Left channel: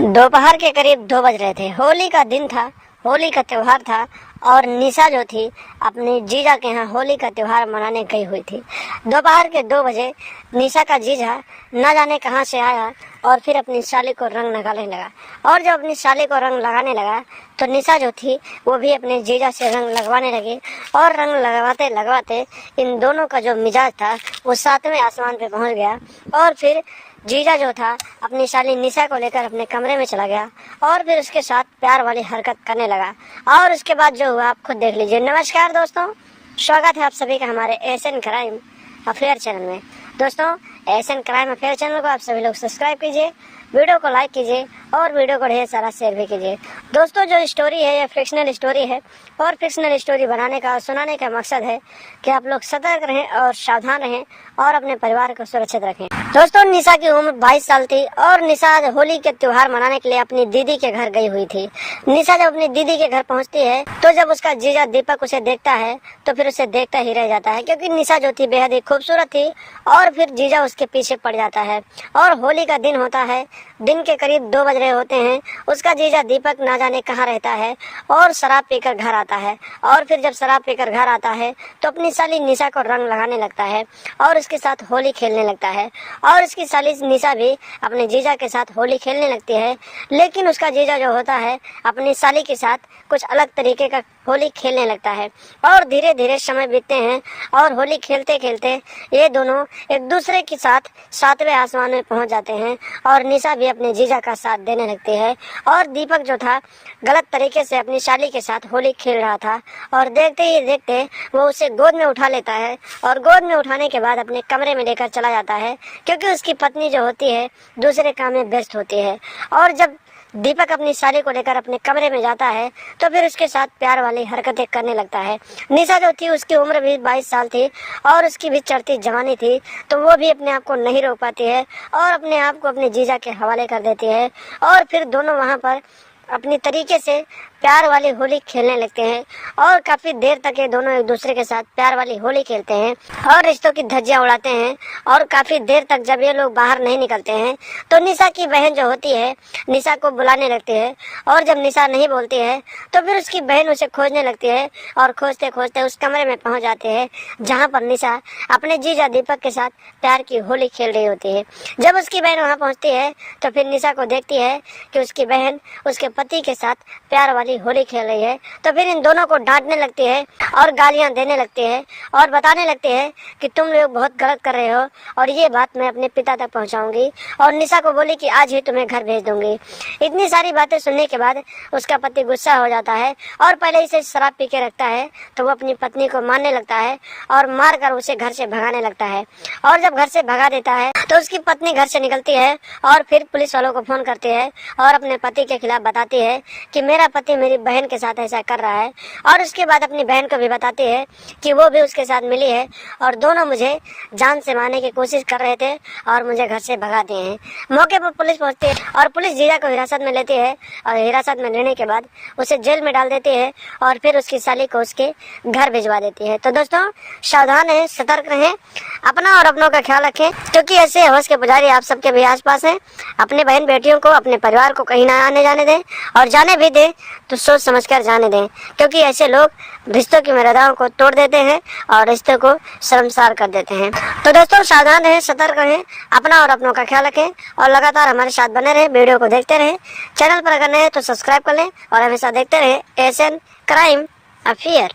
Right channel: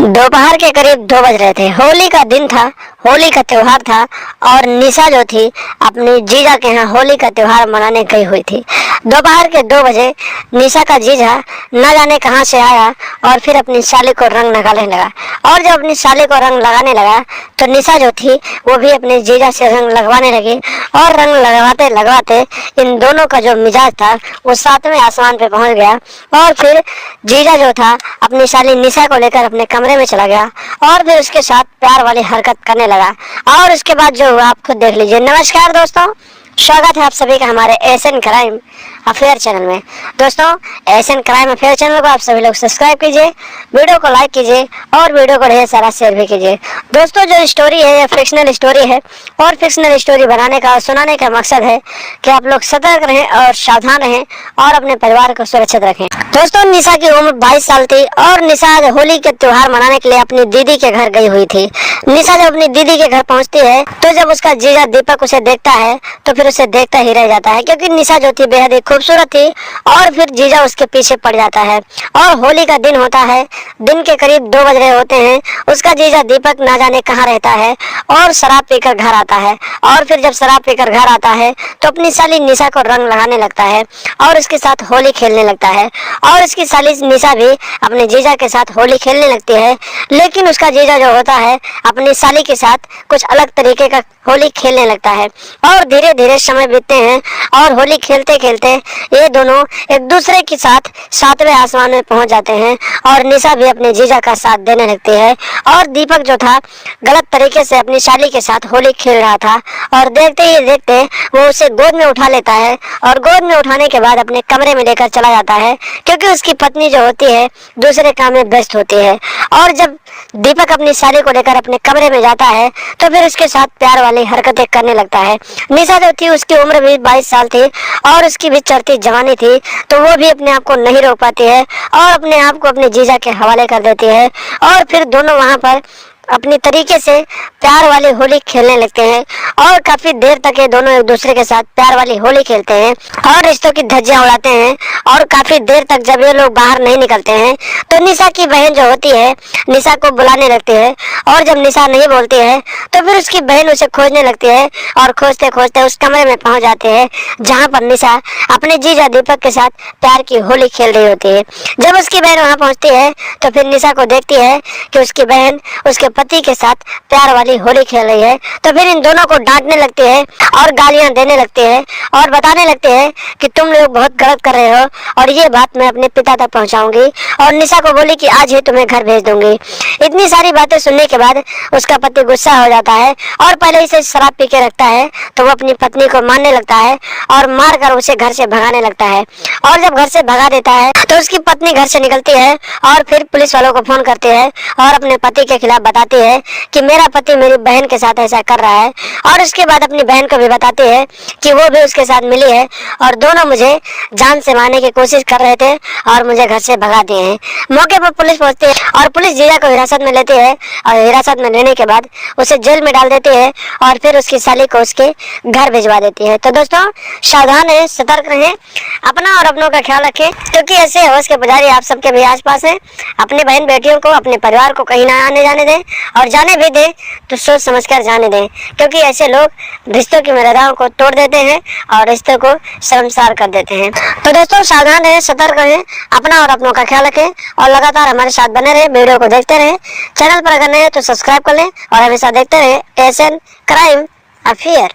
दोपहर के करीब 2 बज रहे थे। होली का दिन था, होली का त्योहार था और निशा जो थी अपनी जीजा के यहाँ होली का त्योहार मनाने गई हुई थी। दोपहर के 2 बजे निशा का जीजा न जाने कहाँ से आया और फिर अपनी साली को रंग लगाने लगा। और जब अपनी साली को रंग लगाने लगा तो निशा जो थी वो भी अपने जीजा से रंग लगवाने लगी और रंग लगवाते लगवाते इन दोनों का जो मिजाज था वो 7वें आसमान पे पहुंच गया। और फिर जीजा जो था अपनी साली निशा को लेकर अपने कमरे में चला गया और फिर उसके साथ प्यार वाली हरकत करने लगा। और उसके बाद जो हुआ आप खुद देख लीजिए। नमस्कार दोस्तों, स्वागत है आप सभी का हमारे एशियन क्राइम अफेयर चैनल में। दोस्तों, एशियन क्राइम अफेयर चैनल को आप सभी लोग सब्सक्राइब कीजिए, वीडियो को लाइक कीजिए और वीडियो को ढेर सारा शेयर भी कीजिए। दोस्तों, जो स्टोरी है ये फिक्शनल स्टोरी है और फिक्शनल स्टोरी बनाने का और सुनाने का मकसद है कि आप लोग सतर्क रहें और सावधान रहें और अपने परिवार को सुरक्षित रखें। दोस्तों, निशा की उम्र 22 साल थी और निशा होली के त्योहार मनाने के लिए अपनी दीदी के घर गई हुई थी। निशा जब अपनी दीदी के घर पहुंचती है तो जब उसका जीजा दीपक उसे देखता है तो फिर उसे देखता ही रह जाता है, क्योंकि निशा जो थी बेहद ही खूबसूरत थी। और फिर जीजा उसके पीछे पड़ जाता है और होली का दिन होता है। दिन के करीब 2 बज रहे होते हैं। उसका जीजा दीपक ना जाने कहाँ रहता है और शराब पीकर घर आता है। और फिर जब शराब पीकर घर आता है तो अपनी साली निशा को रंग लगाने लगता है और उसके साथ होली खेलने लगता है। और उसकी साली निशा भी अपने जीजा के साथ होली खेलने लगती है, लेकिन उसका जीजा जो होता है अपनी साली के साथ कुछ अलग तरीके का होली खेलने लगता है। और धीरे धीरे समय बीतते हैं और होली खेलते खेलते ये दोनों एक दूसरे के साथ 7वें आसमान में पहुंच जाते हैं और निशा भी अपने जीजा का साथ देने लगती है। और दीपक जो था गलत तरीके से अपनी साली के साथ होली खेल रहा था और देखते ही देखते वो उसे गोद में उठा लेता है और गोद में उठाने के बाद अपने कमरे में लेकर चला जाता है, क्योंकि उसकी पत्नी जो होती है दूसरे काम में व्यस्त होती है। और जब दीपक अपनी साली को लेकर अपने कमरे में जाता है तो फिर उसके साथ प्यार वाली हरकतें करने लगता है। निशा जो थी उसकी उम्र भी 22 साल थी और उसकी भी चढ़ती जवानी थी, तो वो भी अपने आप को नहीं रोक पाती है और अपने आप को अपने जीजा के हवाले कर देती है। और फिर दोनों वहां पर अपनी तरीके से प्यार वाली होली खेलने लगते हैं और काफी देर तक ये दोनों एक दूसरे के साथ प्यार वाली होली खेलते हैं और रिश्तों की धज्जियां उड़ाते हैं। और काफी देर तक जब ये लोग बाहर नहीं निकलते हैं तो निशा की बहन जो होती है निशा को बुलाने लगती है। और जब निशा नहीं बोलती है तो फिर उसकी बहन उसे खोजने लगती है और खोजते खोजते उस कमरे में पहुंच जाते हैं जहाँ पर निशा अपने जीजा दीपक के साथ प्यार की होली खेल रही होती है। जब उसकी बहन वहाँ पहुँचती है तो फिर निशा को देखती है कि उसकी बहन उसके पति के साथ प्यार वाली होली खेल रही है, तो फिर इन दोनों को डांटने लगती है और गालियां देने लगती है और बताने लगते हैं कि तुम लोग बहुत गलत कर रहे हो और ये बात मैं अपने पिता तक पहुंचाऊंगी। और निशा को बोली कि आज ही तुम्हें घर भेज दूंगी। इतनी सारी बातें सुनने के बाद उसका पति गुस्सा हो जाता है और पहले ही से शराब पी के रखता है, तो वो अपनी पत्नी को मारने लगता है और मार कर उसे घर से भगाने लगता है। और जब घर से भगा देता है तो उसकी पत्नी घर से निकलती है और फिर पुलिस वालों को फोन करती है और अपने पति के खिलाफ बताती है कि मेरा पति मेरी बहन के साथ ऐसा कर रहा है। और उसके बाद अपनी बहन को भी बताती है कि वो भी उसके साथ मिली है और दोनों मुझे जान से मारने की कोशिश कर रहे थे और मुझे घर से भगा दिए हैं। मौके पर पुलिस पहुंचती है और पुलिस जीजा को हिरासत में लेती है और हिरासत में लेने के बाद उसे जेल में डाल देती है और फिर उसकी साली को उसके घर भिजवा देती है। तो दोस्तों, सावधान रहें, सतर्क रहें, अपना और अपनों का ख्याल रखें, क्योंकि ऐसे होश के पुजारी आप सबके भी आसपास हैं। अपने बहन बेटियों को, अपने परिवार को कहीं ना आने जाने दें और जाने भी दें तो सोच समझकर जाने दें, क्योंकि ऐसे लोग रिश्तों की मर्यादाओं को तोड़ देते हैं और रिश्तों को शर्मसार कर देते हैं। तो दोस्तों, सावधान रहें, सतर्क रहें, अपना और अपनों का ख्याल रखें और लगातार हमारे साथ बने रहें, वीडियो को देखते रहें। चैनल पर अगर नए हैं तो सब्सक्राइब कर लें और हमेशा देखते रहें एशियन क्राइम अफेयर।